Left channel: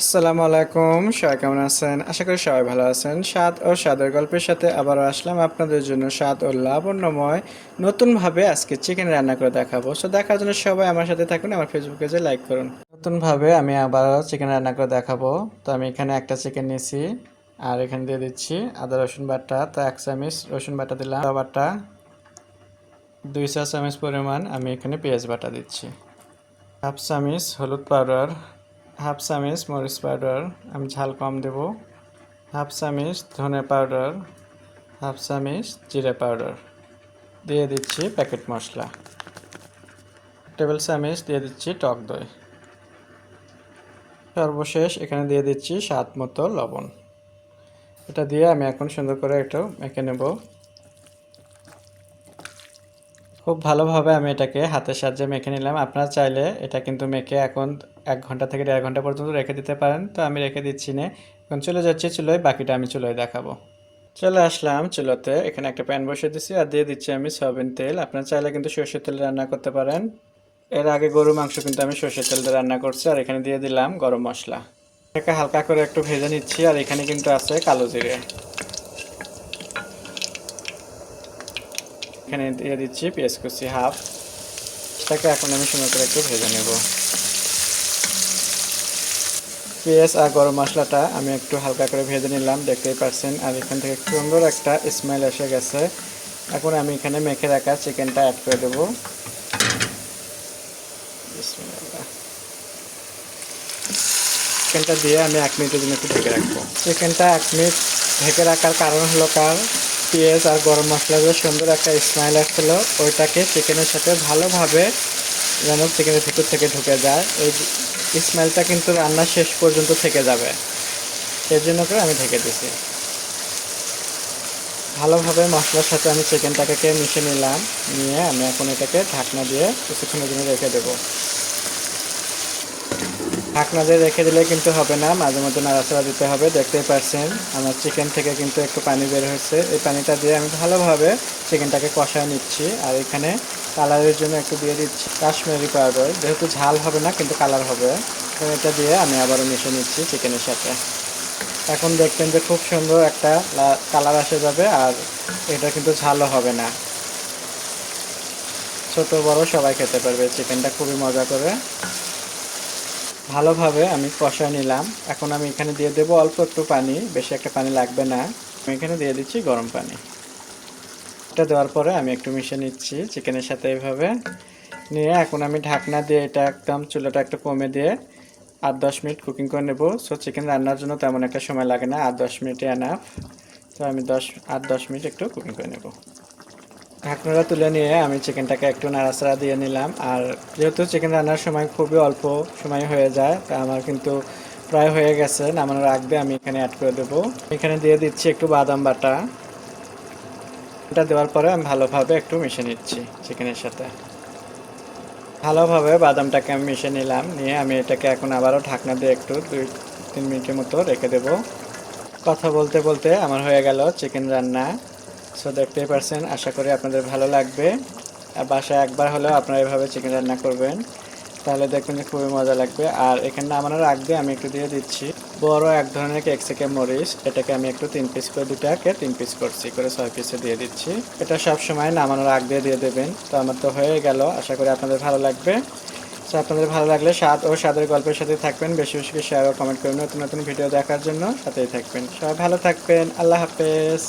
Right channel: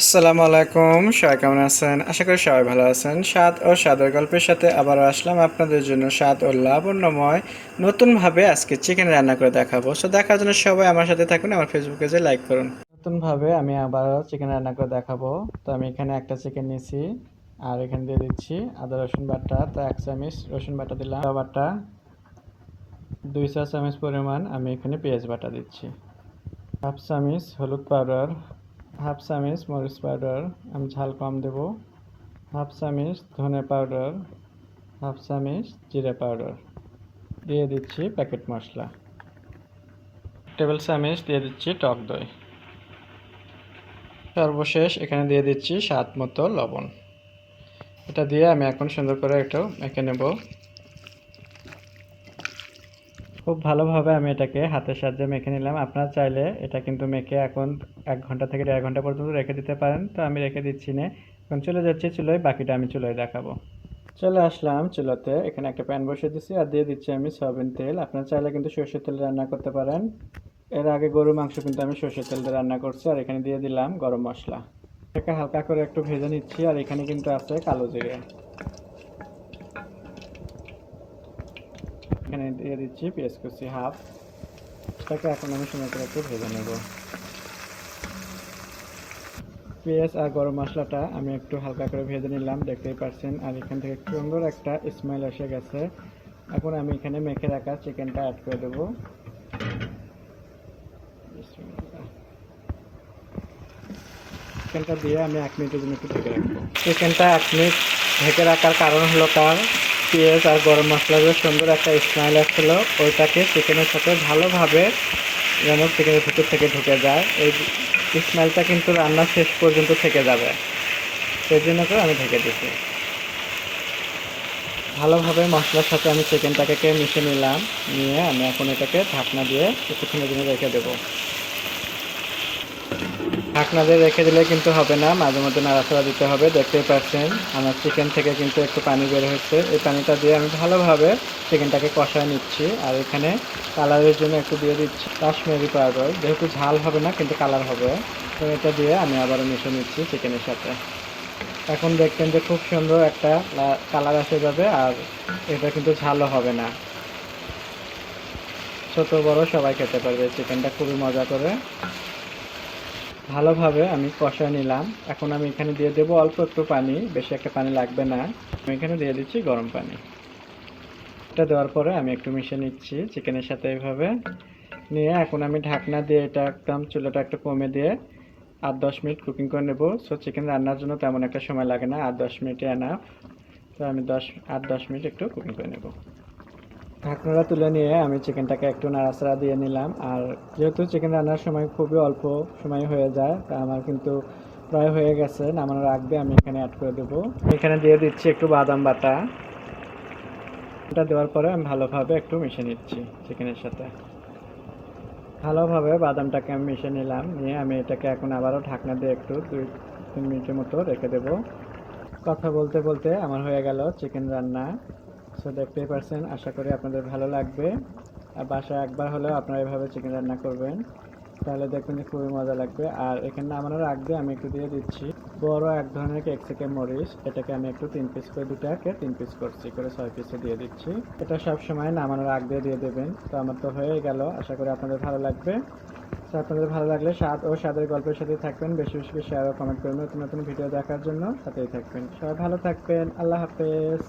আসসালামু আলাইকুম, সবাই কেমন আছেন? আশা করি সবাই ভালো আছেন। স্বাদ ও স্বাদের গল্পের সাথে আবার আসলাম আপনাদের জন্য স্বাদ ও লাবণ্যময়, নতুনভাবে আজকে চিকেন রান্না করে দেখাবো। সো দেখার জন্য সবাই আমার সাথে থাকুন, আমার ফেসবুকে পেজে লাইক করুন। নতুনভাবে আমি আবার চিকেন রান্না করে দেখাবো। তো আমি এখানে একটা চিকেন নিয়েছি, আর এখানে দিয়ে দিচ্ছি আদা, রসুন বাটা। তো এক চামচ রসুন বাটা দিলাম। বাটা, দুই চা চামচ পরিমাণ আমি এখানে পেঁয়াজ বাটা দিচ্ছি। হাফ চামচ হলুদ পাউডার হাফ চামচ মরিচ পাউডার, আমি ঝাল কম দেব। হাফ চামচ ধনে পাউডার, হাফ চামচ জিরে পাউডার। দিয়ে দিচ্ছি প্যাকেট মশলা। টেবিল চামচ দিয়ে দিচ্ছি টক দই। সর্বশেষ এখানে দিয়ে দিচ্ছি স্বাদ মতো লবণ। এটা দিয়ে আমি এখন সুন্দর করে একটু মেখে নেব। খুব ভালোভাবে আমি এটাকে হাতের সাহায্যে মেখে নিলাম। আপনারা চাইলে এটা কিন্তু মেখে এখন এক ঘণ্টা থেকে দেড় ঘণ্টা পর্যন্ত রেখে দিতে পারেন। তো আমি রেখে দিচ্ছি না। এখন চলে যাচ্ছি চুলোয়, বাকিটা আমি চুলোয় দেখাবো। চলে আসলাম চুলোতে। এখানে একটা প্যান বসিয়ে দিচ্ছি আর দিয়ে দিচ্ছি আমি সয়াবিন তেল। আপনারা চাইলে কিন্তু সর্ষের তেল রান্না করতে পারেন। এর আগে গরু মাংস কিন্তু আমি সর্ষের তেল দিয়ে রান্না করছি আর এখানে দিয়ে দিলাম গরম মশলা। এটাকে হালকা করে একটু ভেজে নিচ্ছি আর এখানে কিন্তু আছে কালো জিরে। এখানে দিয়ে দিচ্ছি পেঁয়াজ কুচি হাফ। এটাকে এখন আমি সুন্দর করে একটু ভেজে নেব। পেঁয়াজ আর গরম মশলাটা আমি একটু হালকা করে ভেজে নিলাম, দেখতেই পাচ্ছেন। আর এখান থেকে সুন্দর একটা স্মেল এসে গেছে। এখন আমি এখানে মেখে রাখা চিকেনটা অ্যাড করে দেবো। চিকেনটা দিয়ে আমি এক মিনিটের জন্য একটু ঢেকে রাখব। চিকেনটা এক মিনিট ঢেকে রাখার কারণ হলো তার পেঁয়াজ আর গরম মশলা দিয়ে সুন্দর একটা স্মেল আসছিল। ওইটাকে চিকেনের সাথে ভালোভাবে যেন চিকেনের ভিতর থেকে ঢুকে যায়। এই স্মেলটা কিন্তু রান্না শেষ পর্যন্ত থেকে যাবে। সেই জন্য করে আমি ঢেকে দিছি ভালোভাবে মশলার সাথে আমি চিকেনটাকে মিশে নিলাম। নিয়ে আমি এখন এটাকে ঢাকনা দিয়ে কিছুক্ষণের জন্য রেখে দেবো। ঢাকনা দিয়ে রেখে দিলে কিন্তু হবে না, মাঝে মধ্যে নাড়াচাড়া দিতে হবে, দেখতেই পাচ্ছেন। আমার চিকেন থেকে কিন্তু একটু পানি বের হয়েছে। এই পানিটা দিয়ে আমি ভালোভাবে চিকেনটাকে কষায় নিচ্ছি আর এখানে কালারের জন্য একটু দিয়ে দিচ্ছি কাশ্মীরি পাউডার। যেহেতু ঝাল হবে না, কিন্তু কালার হবে। তো এটা দিয়ে আমি আবারও মিশে নিচ্ছি চিকেনের সাথে। এখন দেখবেন যে খুব সুন্দর একটা কালার আসে যাবে আর এটা কিন্তু ঝালও হবে না। ছোট বড় সবাই খেতে পারবে চিকেনটা খুবই মজা করে। ভালোভাবে আমি কষায় নিলাম। এখন আমি এখানে দিয়ে দেবো অল্প একটু পানি, বেশি একটা পানি লাগবে না। আমি এখানে দিয়ে দিচ্ছি গরম পানি। এটা দেওয়ার পরে আমি একটু মিশিয়ে নিচ্ছি চিকেনের সাথে এইভাবে। নিয়ে এখন আমি ঢাকনা দিয়ে এটা একদম চুলাটা একটু কমে দিয়ে আট দশ মিনিট কুকিং করে নেব। সো চিকেন রান্নার জন্য তেমন একটা সময় লাগে না, আট দশ মিনিটে আনাফ তো আমি দশ, আট দশ মিনিট একটু কুকিং করে নেব। ঢাকনাটা তুলে নিয়ে আমি চিকেনটাকে একটু নাড়াচাড়া দিয়ে নিলাম। আর যেহেতু চিকেন রান্নার সময় খুবই অল্প সময় হয়ে যায়, তা আমার কিন্তু প্রায় হয়ে গেছে। নামানোর আগ দিয়ে আমি এখানে অ্যাড করে দেবো। এখানে দিয়ে দিচ্ছি একটু বাদাম বাটা। এটা দেওয়ার পরে আমি ভালোভাবে একটু মিশে নিচ্ছি চিকেনের সাথে। ভালোভাবে বাদামটাকে আমি মিশে নিলাম। নিয়ে আমি এটাকে এখন আবারও ঢাকনা দিয়ে একটু দুই, তিন মিনিটের মতো রেখে দেবো। কথা বলতে বলতে আমার হয়ে গেল চিকেন রান্না। সো দেখতেই পারছেন আশা করি আপনাদের ভালো লাগবে। আর বাসায় একবার হলেও আপনারা এভাবে চিকেন রান্না করবেন। তাহলে দেখবেন যে খুবই মজা লাগবে। আর এখানে নামানোর আগ দিয়ে আমি একটু দিয়ে দিচ্ছি। বড় এক ধরনের ক্যাপসিকাম মরিচ। এটাকে আমি একটু তিন পিস করে দুটাকে তিন পিস করছি করে ছয় পিসে দিয়ে দিচ্ছি। এটা সব সময় নামানোর আগ দিয়ে দিয়ে দেবেন। তো আমার তো হয়ে গেল। আশা করি আপনাদের ভালো লাগবে। তো আপনাদের ভালো লাগলে স্বাদ ও স্বাদের গল্পের সাথে থাকবেন। বেশি বেশি শেয়ার ও কমেন্ট করবেন নতুন নতুন ভিডিও দেখার জন্য। সাথেই থাকবেন। সবাই ভালো থাকবেন। আল্লাহ হাফেজ।